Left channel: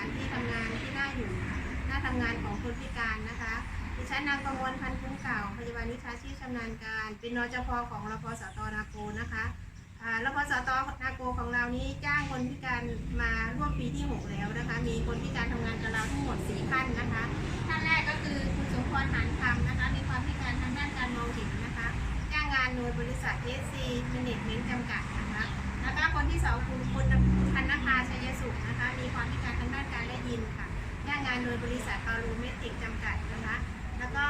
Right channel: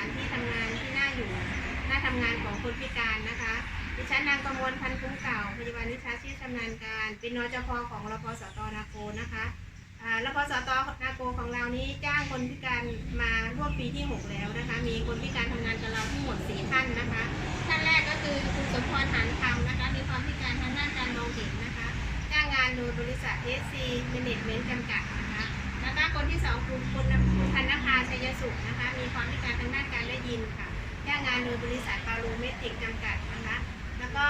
านสถานที่ทำงานที่น่าอยู่น่าทำงานของคนพิการนะคะ ดิฉันนางประมวลพันธุ์คุ้มเก่าพยาบาลวิชาชีพชำนาญการ เป็นนจพของรพสตนาโกนะคะอ่ารพสตนาโกของเรานี้จ้างคนพิการมาร่วมปีที่ 6 แล้วนะคะ มีคนพิการทำงานกับเราทั้งหมด4ท่านนะคะท่านแรกก็คือคุณสมพรหานคำนะคะ มีความพิการทางด้านการมองเห็นนะคะ จ้างงานโดยบริษัท SC Management จำกัด แล้วก็คนที่สองคุณคุณพันนภาชัยสุขนะคะ มีความพิการทางด้านการได้ยินค่ะจ้างงานโดยบริษัทปารูเมติกจำกัดนะคะ แล้วก็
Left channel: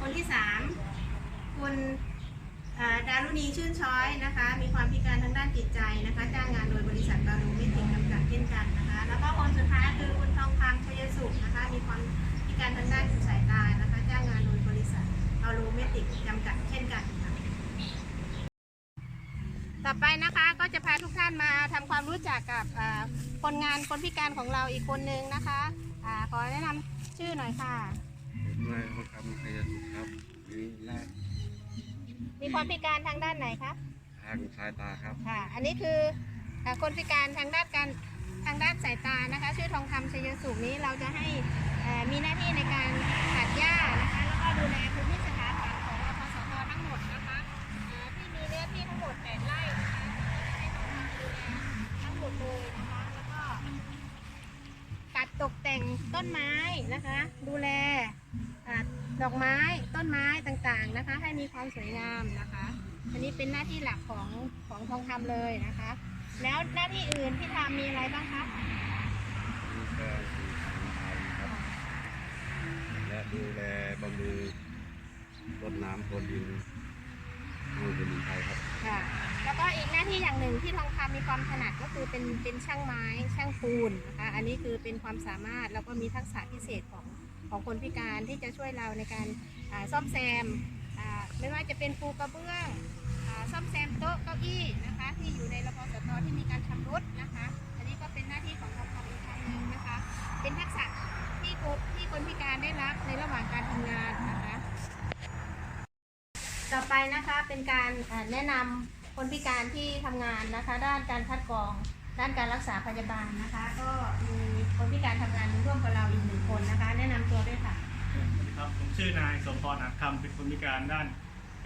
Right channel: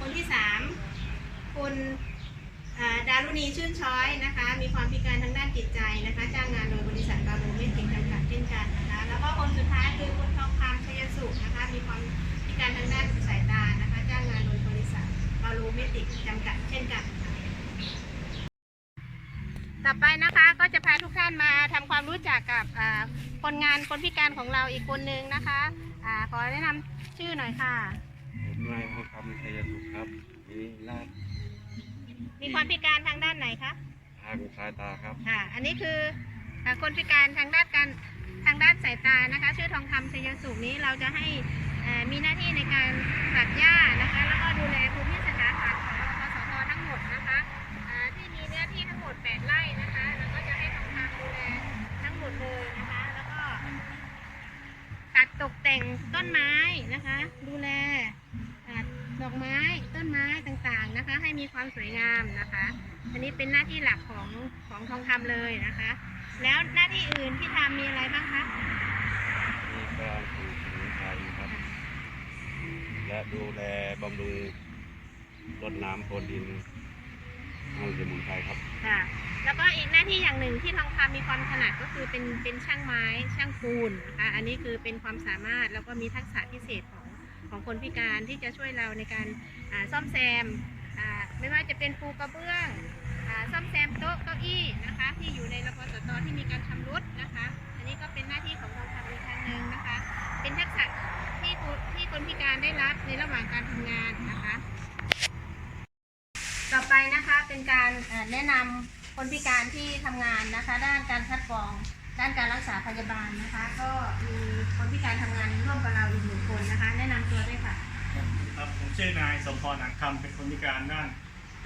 คนที่สามคุณดารุณีชื่นช้อยนะคะ มีความพิการทางด้านจิตใจนะคะ จ้างงานโดยบริษัทปารูเมติกจำกัดเช่นกันนะคะ แล้วก็คนสุดท้ายคือคุณทองคำชัยสุขนะคะ มีความพิการทางด้านสายตานะคะ จ้างงานโดยบริษัทปารูเมติกจำกัดเช่นกัน ต่อไปนะคะก็จะพาทุกท่านมาทำความรู้จักกับอ่าคนงานคนพิการของเราอีกคนนึงนะคะอาขอแนะนำชื่อหน่อยค่ะผมนายทองคำชัยสุขครับมีลาดมีความพิการทางด้านไหนคะทางสายตาครับค่ะ อันนี้คืออ่าคนพิการทางด้านการทางด้านสายตานะคะ ชื่อทองคำชัยสุขนี้เราจะให้เอ่อมีหน้าที่ในการตัดหญ้านะคะ แล้วก็ดูแลพื้น หมด 8 ไร่นะคะ แล้วก็จะให้ทองคำดูแลทั้งหมดเลยนะคะ แล้วก็ ตัดตกแต่งต้นไม้นะคะ ดูแลอ่าดอกไม้ต้นไม้ต่างๆนะคะ ให้มีความสวยงามนะคะ อันนี้เป็นหน้าที่หลักของของทองคำเลยนะคะ แล้วหน้าที่อื่นที่ทำมีอะไรบ้างคะมีการปลูกสมุนไพรครับ และดูแลบำรุงรดน้ำพรวนดิน ให้สมุนไพรครับ ค่ะ แล้วก็อีกหน้าที่อย่างหนึ่งที่ทองคำมีความถนัดก็คือเป็นเป็นช่างไม้ช่างปูนนะคะอันนี้คือเป็นความสามารถแล้วก็มีทักษะพิเศษของของคนพิการที่จะช่วยเราในการอ่าซ่อมแซมอ่าไม่ว่าจะเป็นปูกระเบื้องอาซ่อมแซมโต๊ะเก้าอี้นะคะ ที่อยู่ในรพสตที่มีการชำรุดนะคะ อันนี้ก็เป็นหน้าที่ของทองคำอีกทางหนึ่งนะคะ เป็นทักษะที่ผู้ที่คนพิการได้รับในระหว่างการทำงานนะคะ ต่อไปนะคะเป็นการเอ่อแนะนำคนพิการที่ทำงานนะคะ ด้านการคัดกรอง ด้านการรักษาพยาบาลนะคะ ก็มีคนพิการทำงานร่วมกับเราอีกหนึ่งคนนะคะ แนะนำตัวด้วยค่ะครับผมชื่อนายสมพรอักคำเป็นคนพิการด้าน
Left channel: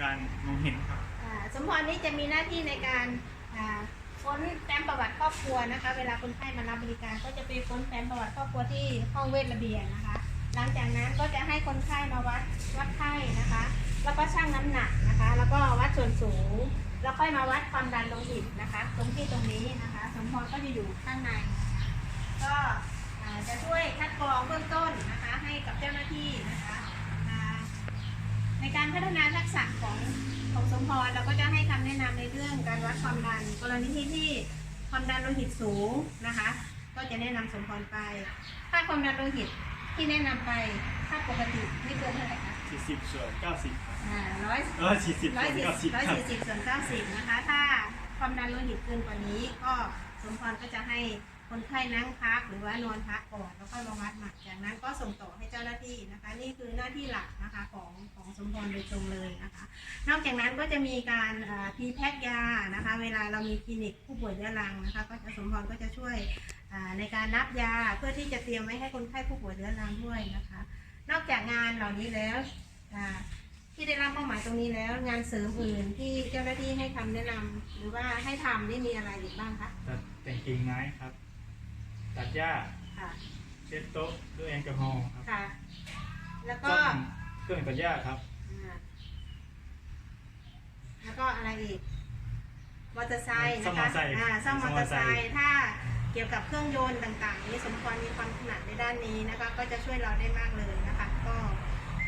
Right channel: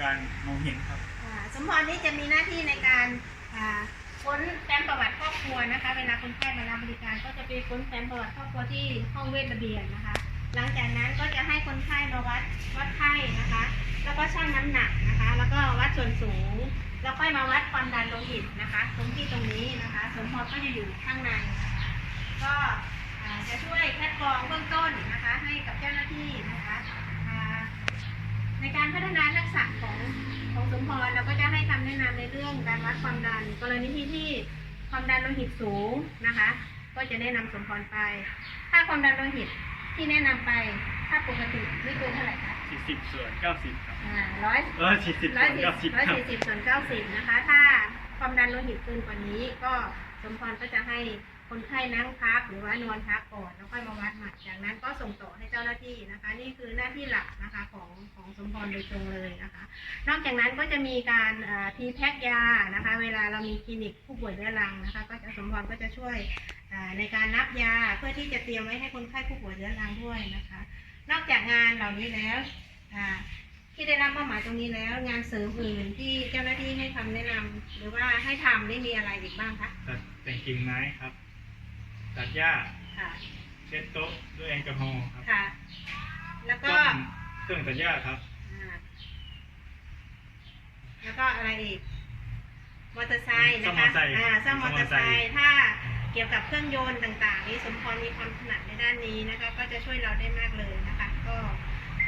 การมองเห็นครับอ่าสมพรนี้จะมีหน้าที่ในการอ่าค้นแฟ้มประวัติครอบครัวนะคะ เวลาคนไข้มารับบริการก็จะไปค้นแฟ้มประวัติครอบครัวที่ห้องเวชระเบียงนะคะ หลังจากนั้นก็จะให้คนไข้มาวัดวัดไข้นะคะ แล้วก็ชั่งน้ำหนักนะคะ แล้วก็วัดส่วนสูง แล้วค่อยมาวัดความดันโลหิตนะคะตรงที่ตรงนี้นะคะสมพรก็จะอยู่ข้างในนะคะก็จะช่วยคัดกรองเบื้องต้นนะคะ ให้กับเจ้าหน้าที่นะคะในการพัฒนาทักษะของของสมพรเราก็จะให้คำแนะนำในเรื่องการวัดความดัน กรณีที่ที่ความดันโลหิตสูงนะคะ ก็จะแนะนำสมพรไป ถ้าความดันโลหิตที่แนะนำไป ถ้าปกติไม่เกินเท่าไหร่ คะ40ส่วน90ครับอ่าร้อยร้อยสี่สิบร้ส่อยวนสี่90ร้อยครับสี่สิบส่วนเก้าสิบนะคะ ถ้าความดันโลหิตเกินกว่านี้ ก็สมพรก็จะให้คนไข้นั่งพักหรือว่านอนพักก่อนแล้วค่อยมาวัดใหม่จากนั้นก็ส่งต่อให้เจ้าหน้าที่นะคะ นี่คือหน้าที่หลักนะคะของของสมพรโดยตรงเลยนะคะ นอกจากนั้นก็จะมีการพีแพ็กยานะคะ เวลาเรามีคลินิกผู้ป่วยเรื้อรังนะคะ ก็จะสมพรก็จะช่วยอ่าในการนับยาเพื่อที่จะเตรียมไว้ให้คนไข้ผู้ป่วยเรื้อรังด้วยนะคะ นอกจากงานเหล่านี้แล้วอ่าที่ได้รับมอบหมายตรงนี้แล้ว งานเสริมอื่นที่เจ้าหน้าที่ให้คำแนะนำหรือว่าให้ทำนี่มีอะไรอีกบ้างคะตัดแต่งกิ่งไม้ครับ ตัดหญ้าค่ะเช็ดโต๊ะด้วยแอลกอฮอล์ครับค่ะ แล้วก็ซ่อมเครื่องตัดหญ้าครับอ่าแล้วก็อะไรอีกมอเตอร์ไซค์ซ่อนะมมอคะเตอร์ไซค์อ่าซ่อมมอเตอร์ไซซ่อมมอเตอร์ไซค์ค์ถ้าเกี่ยวกับเครื่องยนต์ต่าง ๆ นี้สมพรมีความถนัดในด้านนี้นะคะ ก็จะช่วยเราได้มากเลยนะคะ ก็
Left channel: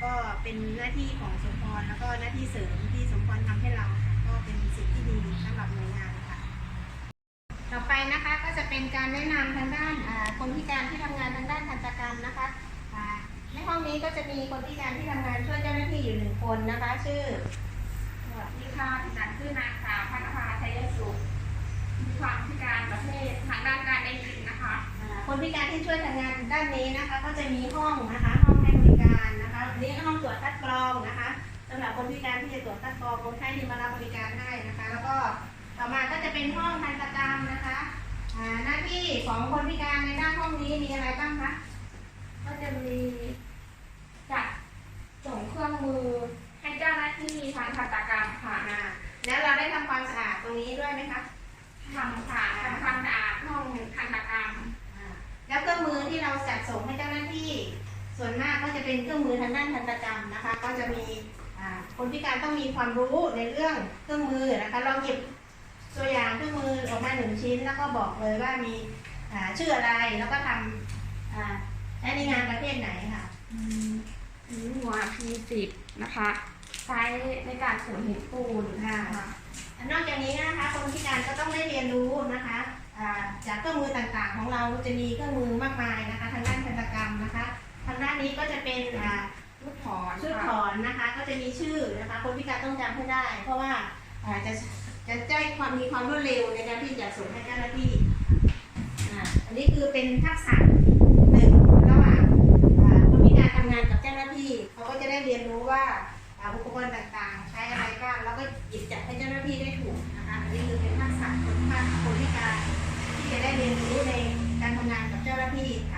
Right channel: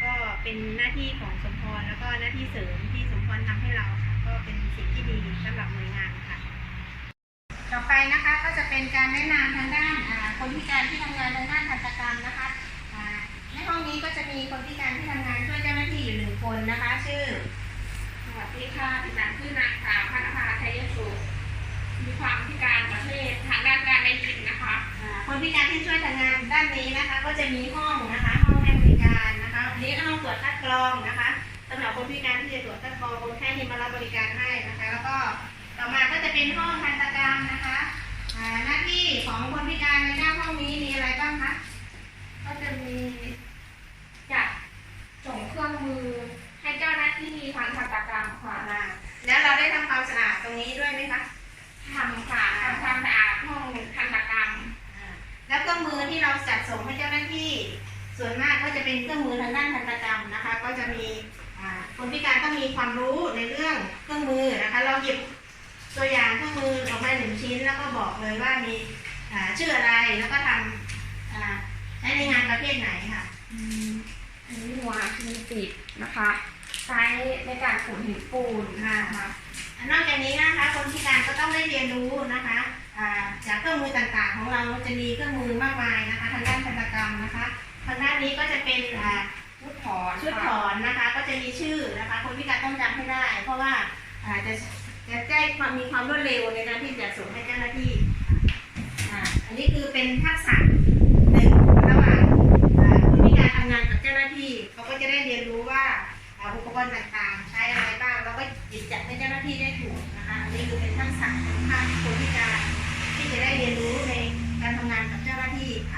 ก็เป็นหน้าที่ของสมพรแล้วก็หน้าที่เสริมที่สมพรทำให้เราค่ะก็เป็นสิ่งที่ดีสำหรับหน่วยงานค่ะ ต่อไปนะคะก็จะเป็นการแนะนำทางด้านคนพิการที่ทำงานทางด้านทันตกรรมนะคะในห้องนี้ก็จะมีคนพิการที่ทำงานช่วยเจ้าหน้าที่อยู่หนึ่งคนนะคะ ชื่อสวัสดีค่ะดิฉันคือนางสาวพัฒภาชัยสุขมีความพิการประเภททางด้านการได้ยินนะคะคนพิการที่ช่วยทำงานด้านนี้นะคะ ก็จะมีห้องนะคะ องให้บริการนะคะอันนี้ก็ห้องตรวจคัดกรองนะคะสำหรับคนพิการที่จะตรวจคัดกรองคนไข้ที่มารับบริการให้นะคะ แล้วก็ต่อมาก็จะเป็นห้องทันตกรรมนะคะอ่าหน้าที่ของคนพิการในหน้าห้องนี้มีอะไรบ้างคะก็จะมีจัดส่งเครื่องมือให้เจ้าหน้าที่ทางทันตกรรมค่ะอ่าแล้วเราได้ทำความสะอาดตรงนี้ด้วยไหมคะทำค่ะทำความสะอาดห้องทันตกรรมอ่าแล้วเครื่องมือที่เราจัดส่งให้เจ้าหน้าที่ ส่วนมากก็จะเป็นเครื่องมือทางด้านทันตกรรมนะคะ ก็จะมีอ่าคนพิการต้องมีความรู้ในเรื่องเครื่องมือนะคะ เราหยิบตัวอย่างเครื่องมือออกมาหนึ่งชิ้น แล้วก็บอกเลยว่ามีอ่าชื่ออะไรแล้วก็ทำอ่าใช้ในงานประเภทไหนค่ะอันนี้หัวพีติดนะคะใช้ในการขนหินปูนค่ะนอกจากนี้นะคะคนพิการก็ต้องได้เรียนรู้นะคะอ่าจากเครื่องมือต่างๆ ของเราจะมีเครื่องมือมากมายนะคะ ทางด้านทันตกรรมนะคะ ทางด้านนี้ก็จะเป็นอ่าชุดถอนชุดถอนนะคะ ก็จะมีชื่อนะคะ คนพิการต้องจำให้ได้ เพราะว่าอ่าจะจะแจ้งความมีความรวดเร็วในการที่จะส่งให้เจ้าหน้าที่อ่าอันนี้คือเป็นทักษะหนึ่งระหว่างอ่าคนพิการทำงานกับเจ้าหน้าที่เขาก็จะได้เรียนรู้ว่าอ่าอุปกรณ์ต่างๆ ใช้อะไรบ้างแล้วก็หยิบจับให้เจ้าหน้าที่ได้ถูกนะคะอันนี้คือเป็นทักษะของคนพิการที่จะได้เรียนรู้ในการทำงานกับเจ้าหน้าที่ค่ะ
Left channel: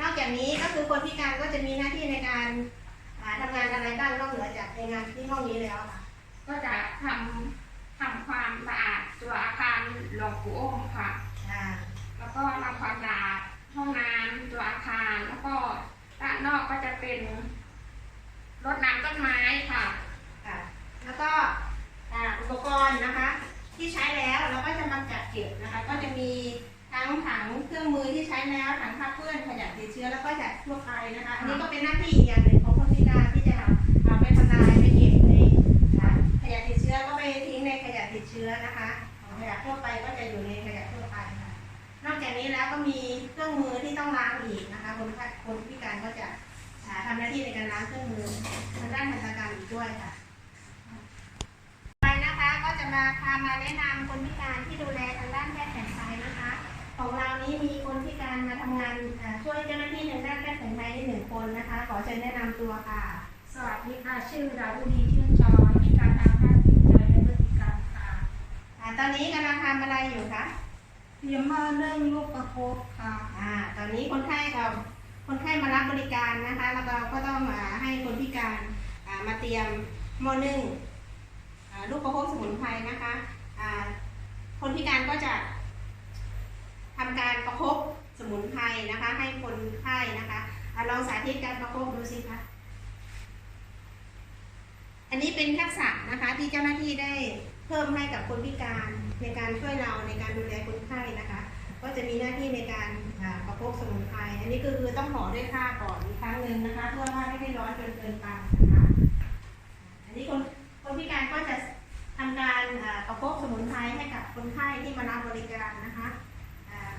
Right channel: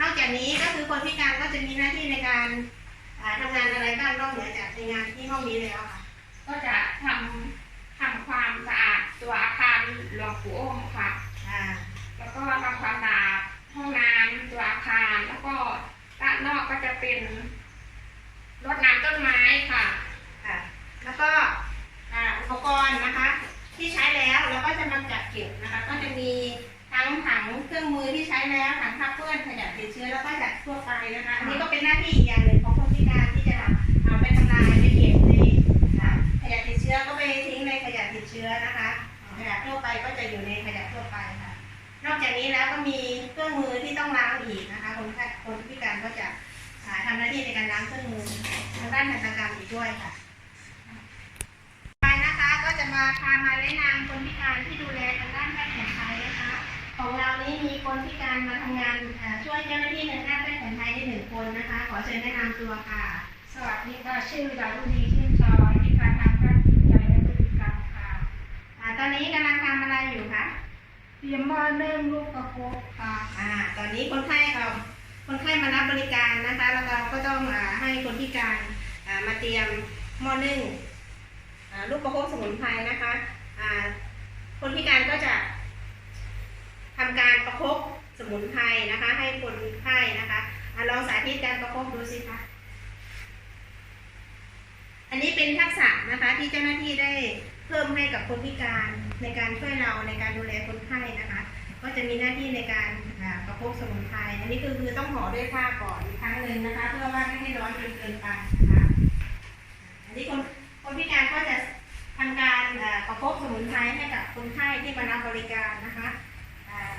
นอกจากนี้ก็คือคนพิการก็จะมีหน้าที่ในการอ่าทำงานอะไรบ้างนอกเหนือจากในงานที่ห้องนี้แล้วค่ะ ก็จะทำทำความสะอาดตัวอาคารหลวงปู่โอมค่ะอ่าแล้วก็ทำความสะอาดห้องน้ำตัวอาคารแล้วก็ด้านนอกก็จะเป็นรดน้ำต้นไม้ค่ะค่ะ แล้วก็อ่าอุปกรณ์นะคะ ที่ใช้แล้วเราก็จะมาจัดเก็บนะคะ ก็จะมี ทั้งถังเครื่องมือที่ใช้แล้วถังคับเพื่อนขยะติดเชื้อแล้วก็จัดทั่วไปนะคะอันนี้ก็เป็นหน้าที่อีกอย่างหนึ่งของคนพิการที่จะเอาไปทำลายไปเก็บในอ่าขยะติดเชื้อก็ไปทิ้งในขยะติดเชื้อนะคะขยะทั่วไปก็จะอยู่ในขยะทั่วไปค่ะ นอกจากนี้แล้วก็มีเครื่องมือที่ต้องล้างอีกนะคะคนคนพิการก็จะอ่าทำหน้าที่ในการล้างเครื่องมือทางด้านทันตกรรมอีกด้วยค่ะไปนะคะก็จะมาพามาแนะนำคนพิการที่ดูแลทางด้านแพทย์ ของเรานี้มีคนพิการมาทำงานเอ่อช่วยเจ้าหน้าที่ทางด้านแพทย์แผนไทยได้หนึ่งคนนะคะ ขอเชิญแนะนำตัวค่ะ สวัสดีค่ะ ชื่อดาวดีชื่นช้อยมีการทางด้านจิตใจและพฤติกรรมค่ะอ่าตอนนี้กำลังทำอะไรอยู่คะเตรียมมาเนื่องลูกประคบค่ะ อ่าตอนนี้คนไข้เราคนไข้มารับบริการนะคะ แล้วเราก็ต้องอ่าให้คนพิการอ่ามาเตรียมหม้อนึ่งอ่าลูกประคบสมุนไพรนะคะอ่าคนพิการก็จะ ทำการประคบสมุนไพรนะคะ ให้คนไข้นะคะอลองสาธิตการประคบดูสิคะอันนี้เป็นทักษะนะคะที่เจ้าหน้าที่ได้เพิ่มให้กับคนพิการในการช่วยเราในการดูแลคนไข้นะคะ ก็จะมีหน้าที่ในการประคบสมุนไพรอันนี้คือคือต้องห่อด้วยผ้าก่อนอีกครั้งหนึ่งนะคะ เพื่อว่าไม่ให้ร้อนจนเกินไปนะคะอันนี้คนคนพิการก็จะทำการประคบสมุนไพรให้กับคนไข้ที่มารับบริการนะคะอ่า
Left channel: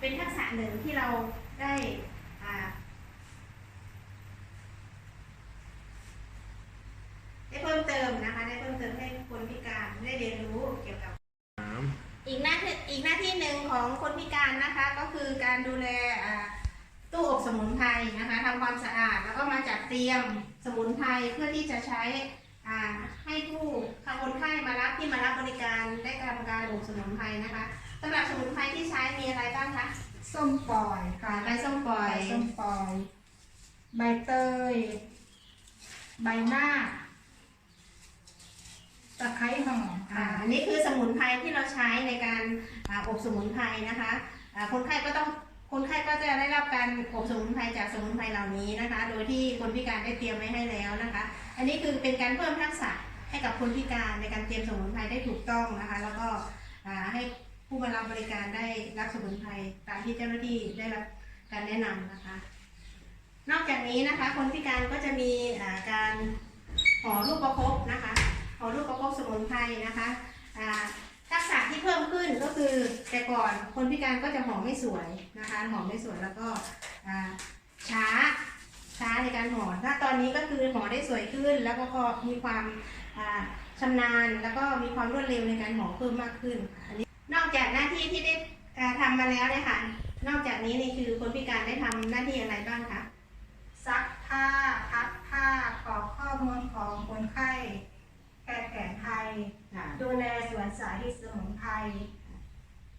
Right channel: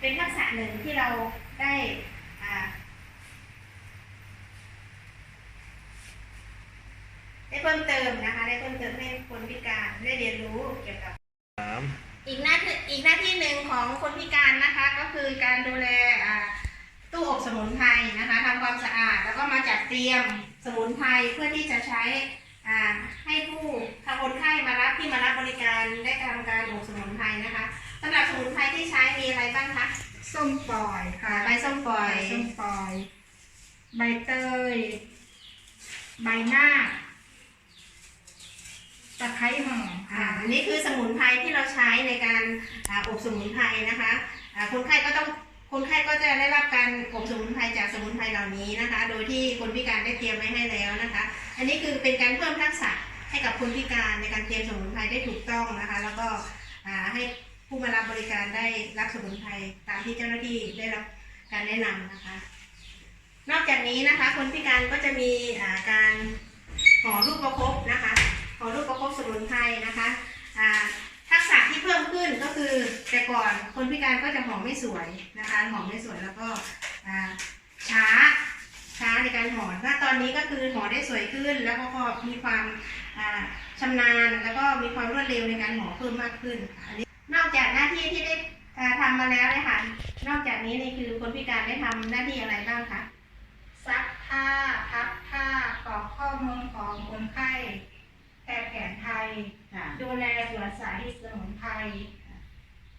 เป็นทักษะหนึ่งที่เราได้อ่าได้เพิ่มเติมนะคะ ได้เพิ่มเติมให้คนพิการได้เรียนรู้เกี่ยวกับสามอีกหน้าที่อีกหน้าที่หนึ่งของคนพิการนะคะก็คือการดูแลอ่าตู้อบสมุนไพรนะคะทำความสะอาดแล้วก็มาจัดเตรียมสมุนไพรเพื่อที่จะใช้อ่าให้ผู้ทางคนไข้มารับที่มารับบริการได้ทำการอบสมุนไพรนะคะ สำหรับสมุนไพรที่ใช้มีอะไรบ้างคะ ส้มปล่อยค่ะใบส้มปล่อย ใบส้มปล่อย ใบเตย ใบหน้าคตะไคร้หอมอ่าค่ะอันนี้คือสมุนไพรที่เราใช้ในการอ่าอบสมุนไพรนะคะอ่าคนไข้ก็ต้องคนไข้ก็จะได้รับการอบสมุนไพรจากสมุนไพรเหล่านี้นะคะ โดยที่คนพิการได้เตรียมไว้ให้แล้วนะคะ อันนี้คือเป็นการเพิ่มทักษะให้กับคนพิการในการเตรียมสมุนไพรได้ถูกต้องนะคะ แล้วก็อ่าให้ผู้ มารับบริการได้รับสมุนไพรตามที่เจ้าหน้าที่ได้รับการแนะนำนะคะ นอกจากนี้นะคะ คนพิการก็จะมีาการห่อลูกประคบนะคะห่อลูกประคบสมุนไพรนะคะทักษะที่เพิ่มขึ้นก็คือแต่ก่อนคนพิการก็จะห่อไม่สวยนะคะห่อไม่สวยแล้วก็ช้าช้าในการห่อถ้าตอนนี้ก็คือห่อได้สวยขึ้น แล้วก็มีความอ่าชำนาญแล้วก็มีความรวดเร็วในการห่อเพิ่มมากขึ้นค่ะอันนี้ นอกจากหน้าที่ที่ได้อ่าทำมาแล้วเลยค่ะ นอกจากนี้นี่คือคนพิการได้ทำหน้าที่อะไรบ้างคะซักผ้าพับผ้ากรอกข้อมูลของคนไข้แพทย์แผนไทยดูแลสวนสาธิตสมุนไพร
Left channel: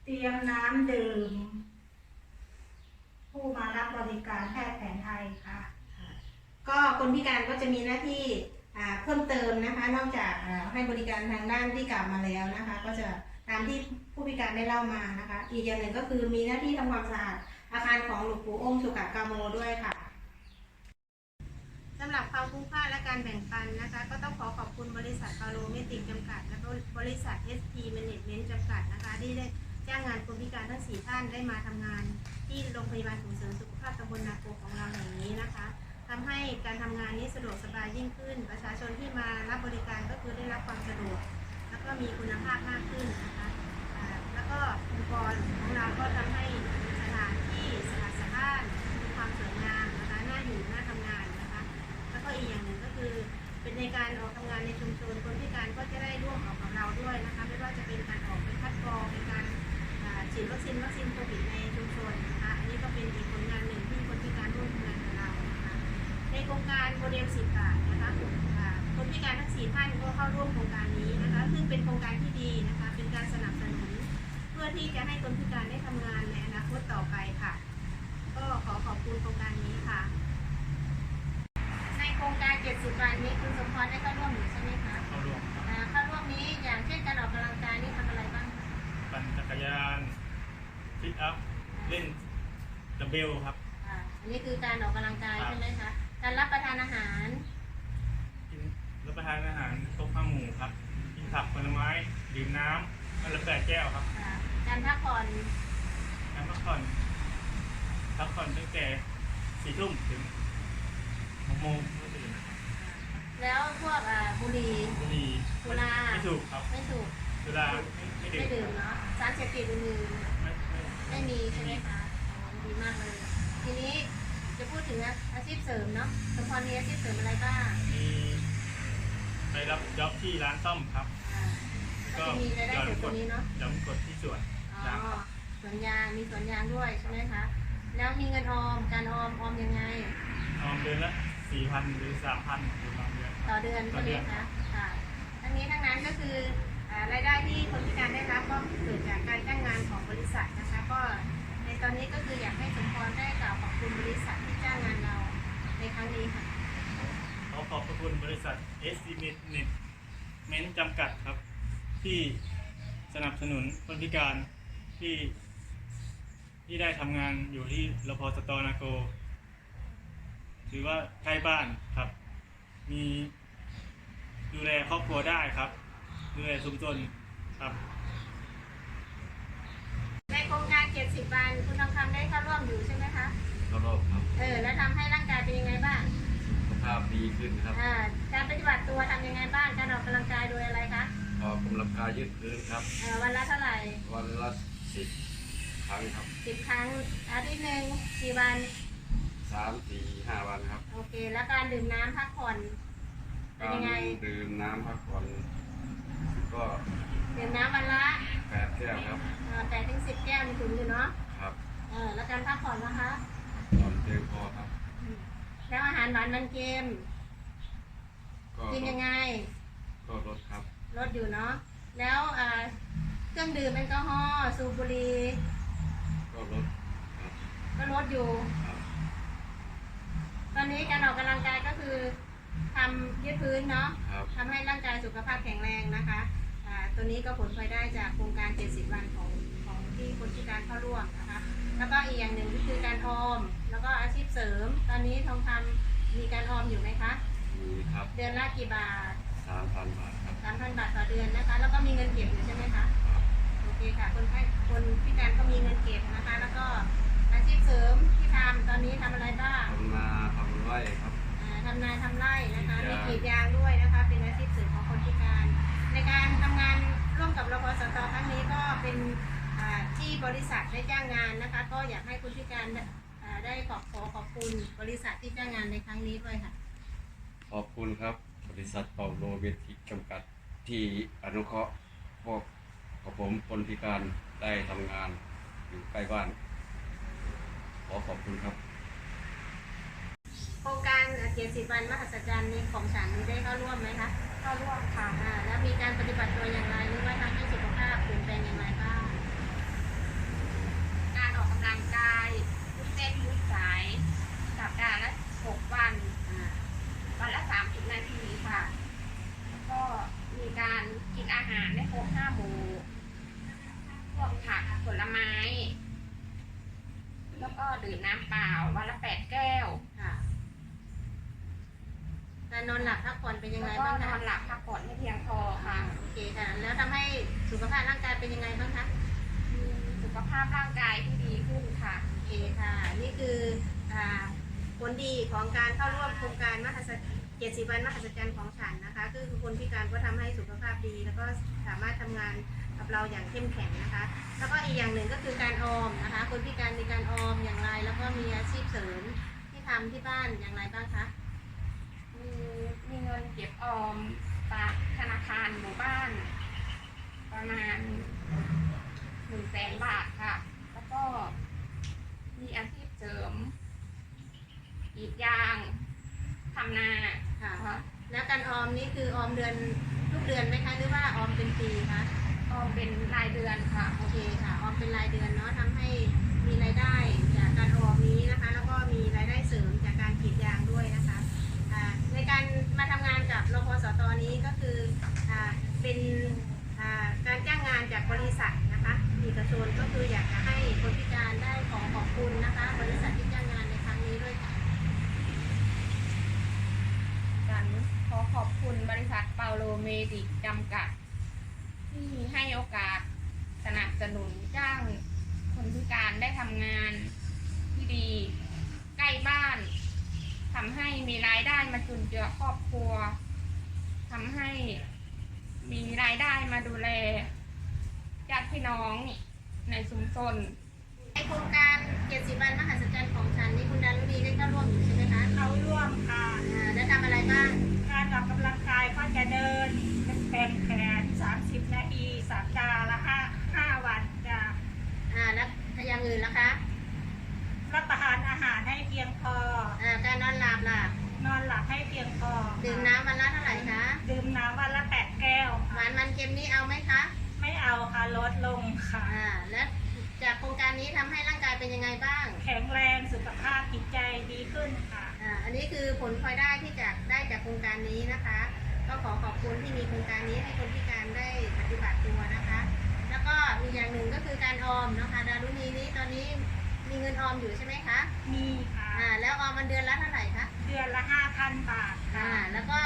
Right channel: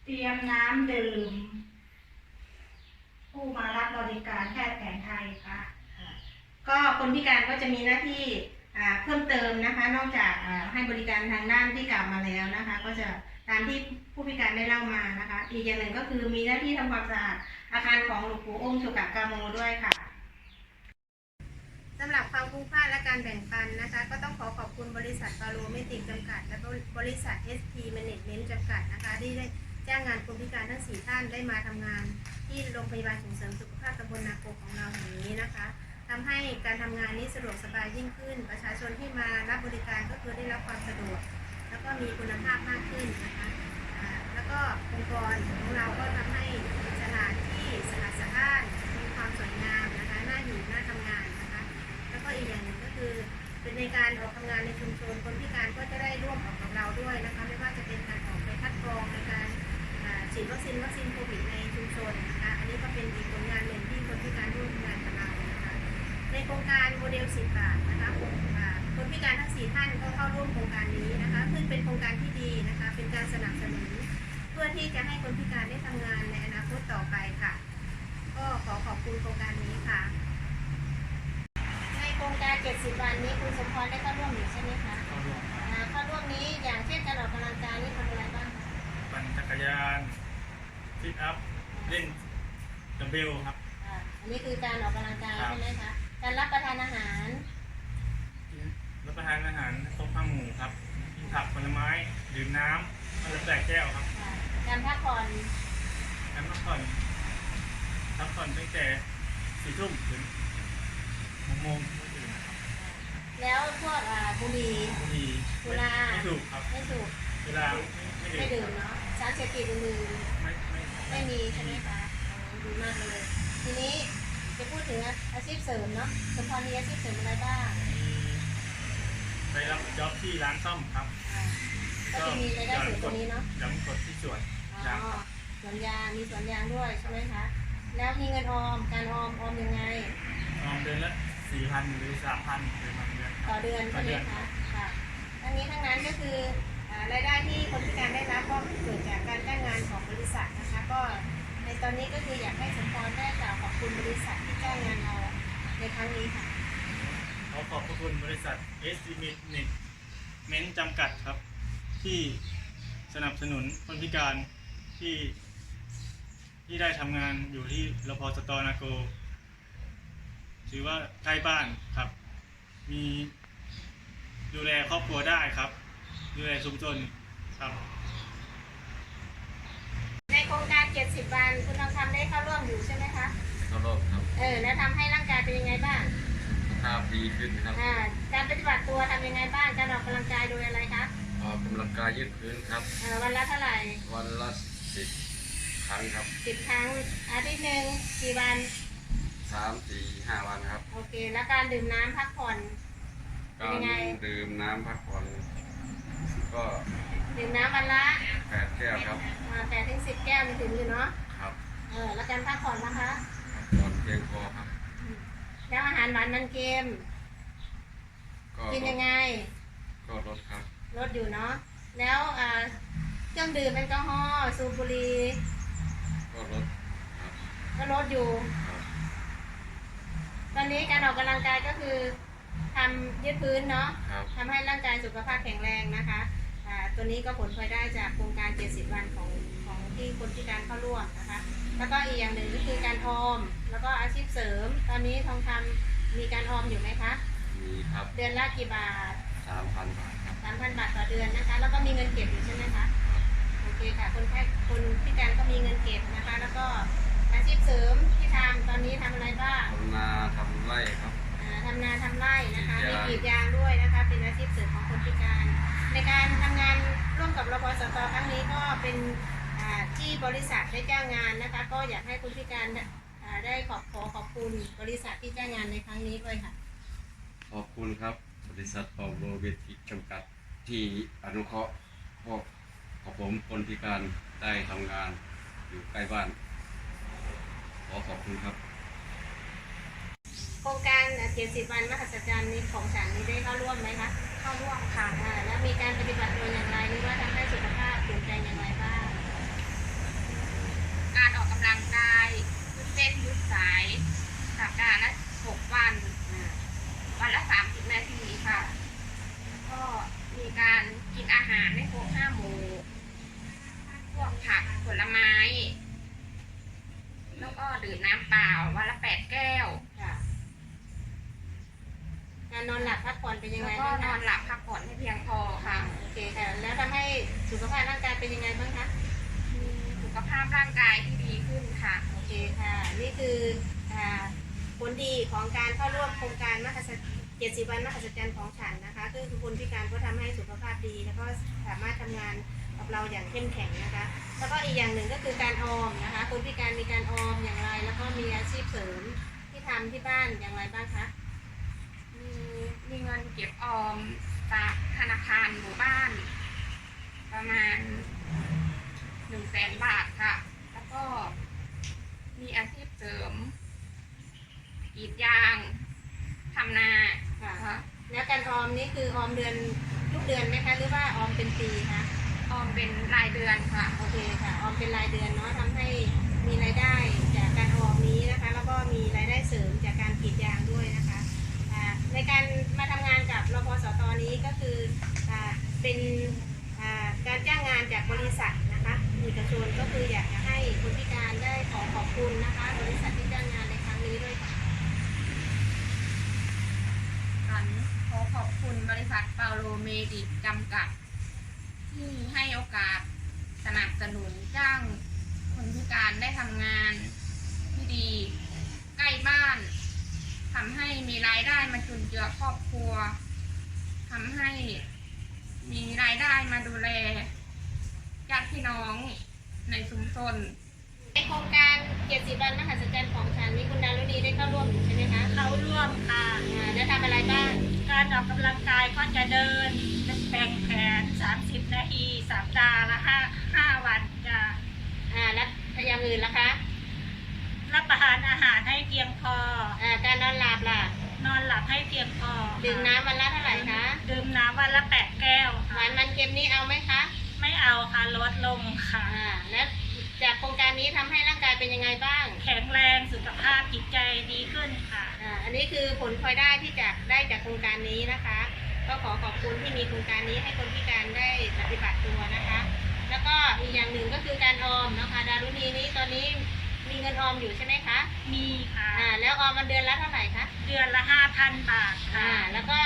เตรียมน้ำดื่ม ผู้มารับบริการแพทย์แผนไทยค่ะ ก็คนพิการก็จะมีหน้าที่อ่าเพิ่มเติมนะคะ นอกจากอ่าให้บริการทางด้านที่กล่าวมาแล้วนะคะ ก็จะ ตามที่ผู้พิการได้เล่ามานะคะ อีกอย่างหนึ่งก็คือมีหน้าที่ทำความสะอาดอาคารของหลวงปู่องค์สุกะกาโมด้วยค่ะสำหรับความคุ้มค่าและการแบ่งปันนะคะ ก็ต้องขอขอบคุณบริษัทฟาโรเมติกจำกัด และบริษัท ST Management จำกัดนะคะที่ได้จ้างงานคนพิการทั้ง 4 ท่านได้มาทำงานที่โรงพยาบาลส่งเสริมสุขภาพตำบลนาโกของเราแห่งนี้นะคะทำให้การทำงานนี้สะดวกสบายยิ่งขึ้น ประชาชนที่มารับบริการก็คือได้รับความสะดวก แล้วก็มีคุณภาพมากขึ้นนะคะแล้วก็องค์กรของเราก็ทำให้สถานที่สะอาดสะอ้านมีความสวยงามนะคะน่าอยู่น่าทำงานนะคะ แล้วก็อีกอย่างหนึ่งก็คือ เป็นในการออกทำงานในชุมชน คนพิการก็จะได้ร่วมออกกับเราด้วยนะคะไม่ว่าจะเป็นการออกไปคัดกรองในการฉีดวัคซีนวัคซีนโควิดในชุมชนนะคะ อันนี้ก็เป็นอีกผลงานหนึ่งที่คนพิการร่วมทำงานกับเรานะคะ ในโครงการโมเดล10บาทนะคะ คนอ่าคนพิการทั้ง 4 ท่านก็เข้าร่วมโครงการนี้นะคะ ซึ่งเป็นโครงการที่ดีนะคะ เป็นการสนับสนุน เพื่อที่จะให้คนพิการได้ทำงานในอนาคตต่อไปค่ะ ก็ขอขอบคุณโครงการนี้ค่ะ ในโครงการ 70 วันนี้คุณสมพรได้เข้าร่วมอยู่ใช่ไหมคะเข้าร่วมครับอ่าเข้าร่วมนี้อย่างเช่นการออกกำลังกายนี่ทำอะไรบ้างคะปั่นจักรยานซิทอัพเล่นดัมเบลครับอ่าอันนี้คือการออกกำลังกายครับใช่ไหมคะ การรับประทานอาหารกิน รับประทานอาหารครบห้าหมู่ครับกินผักผลไม้ดื่มน้ำวันละแปดแก้วครับอ่าการพักผ่อนการพักผ่อนพักผ่อนตั้งแต่สี่ทุ่มถึงหกโมงก็ตื่นนะครับแล้วพวกอ่าบุหรี่ บุหรี่สุรา ไม่ถูกครับไม่สูบเวลาไม่ไม่ดื่มไม่ดื่มครับเนาะสารเสพติดอื่นไม่ไม่ๆไม่มีใช่ไหมคะอ๋อดีมากเลย ทีนี้จะพูดถึงอาชีพเสริมเนาะ สมพรมีอาชีพเสริมอะไรบ้างมี ไปรับจ็อบที่ร้านซ่อมครับอ่าก็จะมีรายได้เสริมตรงนี้เนาะ ย้ำกดที่สวนอ๋อยางครับสวนยางมีสวนยางด้วยใช่ไหมคะ แล้วมีเงินออม การออมออมยังไง ออมเดือนละสี่พันหรือสามพันหรือบางเดือนคต่รัอบเดือนต่ใช่อไหเดืมอนครัคะบค่ะ ทั้งนี้ทั้งนั้นก็คืออ่ารายได้ที่คนพิการได้รับก็เกิดจากการจ้างงานของบริษัทนะคะ ก็ในตอนนี้ก็คืออยากให้สมพรได้กล่าวขอบคุณบริษัทที่จ้างงานเราในครั้งนี้ค่ะ ขอขอบพระคุณบริษัท s c m e t เมนจำกัดครับ ที่สนับสนุนคนพิการที่ที่ได้ทำงานอยู่ที่รพสตนาโก ถือว่าใกล้บ้านครับ มีดูแลครอบครัวได้ครับ ดูแลชุมชนครับ ในโครงการ 70 วัน คุณทองคำได้เข้าร่วมอยู่ใช่ไหมคะ เข้ารอบครับ เออ แล้วทำให้ร่างกายเป็นยังไงบ้างสุข ภาพดีขึ้นครับอ่าการปฏิบัติตัวทำยังไงบ้างการออกกำลังกายโดยอะไรคะออกกำลังกายยืดพื้นครับเอ่อวันละเท่าไหร่วันละสิบครั้งครับสิบครั้งอาทิตย์หนึ่งกี่วัน สามสี่ห้าวันครับ โอเค แล้วการดื่มน้ำพักผ่อนการยังไง ดื่มน้ำพักผ่อนก็ดื่มน้ำวันละแปดแก้วครับแปดถึงสิบแก้วนี่ถึงอยู่เนาะครับเออแล้วการพักผ่อนนะคะ พักผ่อนเพียงพอครับอืม แล้วอาหารหวานมันเค็มก็กินยังไง ก็ลดครับลดอยู่เนาะ แล้วอ่าเครื่องดื่มแอลกอฮอล์สูบบุหรี่ก็ลดครับก็ลดอยู่ ครับตอนนี้การออกกำลังกายก็คือทำยืดพื้นเนาะครับทำให้ร่างกายสุขภาพแข็งแรงนะคะอ่าตัวนี้ก็ผลพลอยได้จากโครงการ 70 วันของของที่คนพิการเข้าร่วมนะคะ แล้วก็อีกอย่างหนึ่งก็คือการออม แล้วก็อาชีพเสริม ตอนนี้ทองคำมีการออมอยู่ไหมคะ มีครับเดือนละกี่บาทสามพันบาทครับ 3,000 บาทต่อเดือนนะคะ แล้วก็มีเงินเก็บอยู่ใช่ไหมคะ ครับ โอเคค่ะ คนแค่คนพิการก็มีเงินเก็บนะคะ แล้วก็อาชีพเสริมที่ทำตอนนี้ทำอะไรบ้างทำนาทำไร่ครับ อ่าทำนาทำไร่นะคะกรีดยางมีกรีดยางด้วยนะคะ เป็นอาชีพเสริมของคนพิการ ในการทำงานร่วมกับรพสตครั้งนี้ก็เป็นอ่า ที่บริษัทได้จ้างงานนะคะ ก็อยากให้คนพิการอ่าได้ขอบขอขอบคุณบริษัทที่จ้างงานในครั้งนี้ด้วยค่ะ ขอบคุณครับ บริษัทเปาโลเวทิกจำกัดที่อนุเคราะห์พวกของผมคนพิการได้ทำงานอยู่ใกล้บ้าน ขอขอบคุณครับ โครงการเจ็ดสิบวันมหัศจรรย์นี้ของฉันนี้ได้เข้าร่วมไหมคะคเข้าร่วมค่ะอ่าแล้วมีการปฏิบัติตัวอย่างไรหรือว่าทำให้สุขภาพเปลี่ยนแปลงอย่างไรบ้างการออกกำลังกายยืดเส้นยืดสาย สัปดาห์ละหกวันอ่าวันละสามสิบนาทีค่ะ แล้วก็มีการกินอาหารไม่ครบห้าหมู่พวกผักผลไม้ แล้วก็ดื่มน้ำเปล่าวันละแปดแก้วค่ะการนอนหลับพักผ่อนเป็นยังไงแล้วก็บ้างนคะอนหลับพักผ่อนให้เพียงพอค่ะ โอเคค่ะ แล้วทำให้สุขภาพร่างกายเป็นยังไงบ้างคะมีสุ ขภาพร่างกายที่ดีขึ้นค่ะ โอเคค่ะ นี่คืออ่าผลดีของการเข้าร่วมโครงการมหัศเจ็ดสิบวันมหัศจรรย์ของฉันนะคะ คือคนพิการก็ทำให้สุขภาพดี แล้วก็สามารถทำงานกับเราอย่างเข้มแข็งนะคะ แล้วก็อีกอย่างหนึ่งก็คือการออมนะคะ คนพิการมีการออมอย่างไร แล้วก็มีอาชีพเสริมที่ทำที่บ้านอย่างไรบ้างคะมีมีเงินเก็บออมฝากธนาคารหมู่บ้าน ประมาณ หนึ่งแสนบาทค่ะ แล้วก็มีอาชีพเสริมกรีดยางทำนาค่ะ ค่ะ แล้วการออมนี่คือออมเดือนทุกเดือนไหมคะ หรือว่าออมเป็นปีคะ ออมเป็นรายเดือนค่ะ โอเคค่ะ ออมเป็นรายเดือนเนาะทำให้มีรายได้จากการออมนี้นะคะ แล้วก็มีรายได้เสริมจากการกรีดยางด้วยนะคะอ่าในการมาทำงานกับรพสตนี้ก็คืออ่าเป็นอ่าการจ้างงานจากบริษัทนะคะ เอกชนก็คืออยากจะให้คนพิการได้ขอขอบคุณนะคะ บริษัทที่จ้างงานในครั้งนี้ด้วยค่ะสันขอขอบคุณบริษัทเปาโลเมดิกจำกัด ที่ให้โอกาสสนับสนุนจ้างคนพิการได้ทำงานที่ดีใกล้บ้านทำให้มีรายได้มาจุนเจือครอบครัวทำให้มีรายได้มาดูแล ญาติพี่น้องในชุมชนในโครงการเกียรติวันมหัศจรรย์ของฉันนี่คุณดารุณีได้เข้าร่วมอยู่ใช่ไหมคะเขาร่วมค่ะอ่าแล้วทำอะไรบ้าง การออกกำลังกายก็จะเดินแบ่งแผน 30 นาทีสัปดาห์ละ5 5วันจะอ่าแล้วอย่างอื่นล่ะคะรับประทานอาหารให้เพียงพอ อ่าการนอนหลับล่ะนอนหลับให้เพียงพอดื่มน้ำวันละเท่าไหร่คะดื่มน้ำวันละ 8 แก้วหค่ะวานมันเค็มนี่เอาไหมคะไม่ เอาค่ะลดลงค่ะ อ่า แล้วจากโครงการนี้ทำให้ร่างกายเป็นยังไงบ้าง แข็งแรงสุขภาพจิตใจดีขึ้นค่ะ อ่า อันนี้คือผลพลอยได้ที่จะได้จากโครงการนี้นะคะ ก็ขอขอบคุณที่มีโครงการนี้ให้คนพิการได้ปฏิบัติตัวนะคะ แล้วก็มีอย่างหนึ่งก็คือการออมนะคะ ดารุณีนี้ตอนนี้มีเงินออมอยู่ใช่ไหมคะ มีค่ะ อ่า แล้วออมมันเดือนละเท่าไหร่คะ เดือนละ5,000บาทอ่า ค่ะ แล้วก็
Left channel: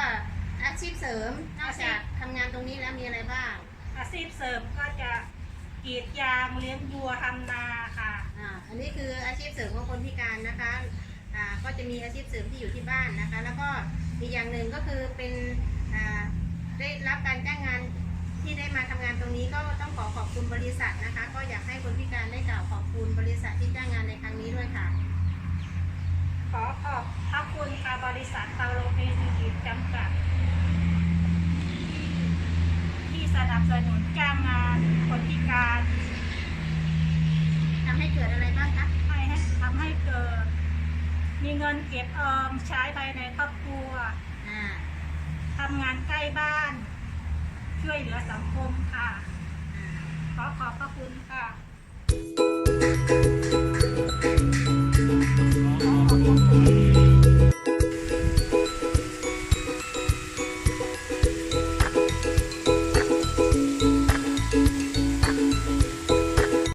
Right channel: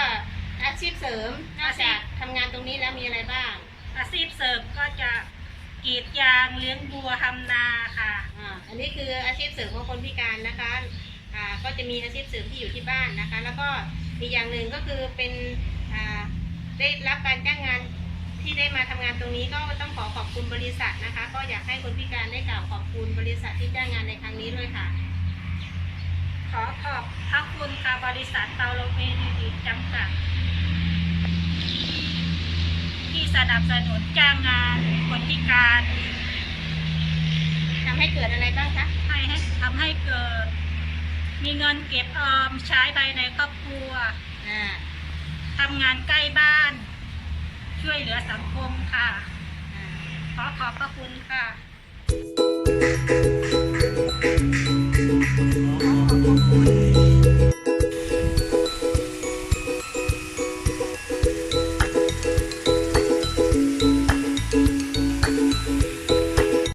อาชีพเสริมนอกจากทำงานตรงนี้แล้วมีอะไรบ้าง อาชีพเสริมก็จะกรีดยางเลี้ยงวัวทำนาค่ะ อ่าอันนี้คืออาชีพเสริมของคนพิการนะคะอ่าก็จะมีอาชีพเสริมที่อยู่ที่บ้านนะคะ แล้วก็อีกอย่างหนึ่งก็คือเป็นอ่าได้รับการจ้างงานที่ได้มาทำงานตรงนี้ก็ต้องขอขอบคุณบริษัทนะคะ ก็อยากให้คนพิการได้กล่าวขอบคุณบริษัทที่จ้างงานในครั้งนี้ด้วยค่ะ ขอขอบพระคุณค่ะบริษัทเปาโลเมดิจำกัด สนับสนุนจ้างงานคนพิการทำให้เกิดอะไรบ้างคะให้ให้ทำให้เกิด มีเงินเก็บออมใช้ภายในครอบครัวทำงานใกล้บ้าน ช่วยเหลือสังคมค่ะขอขอบพระคุณค่ะ ขอขอบพระคุณ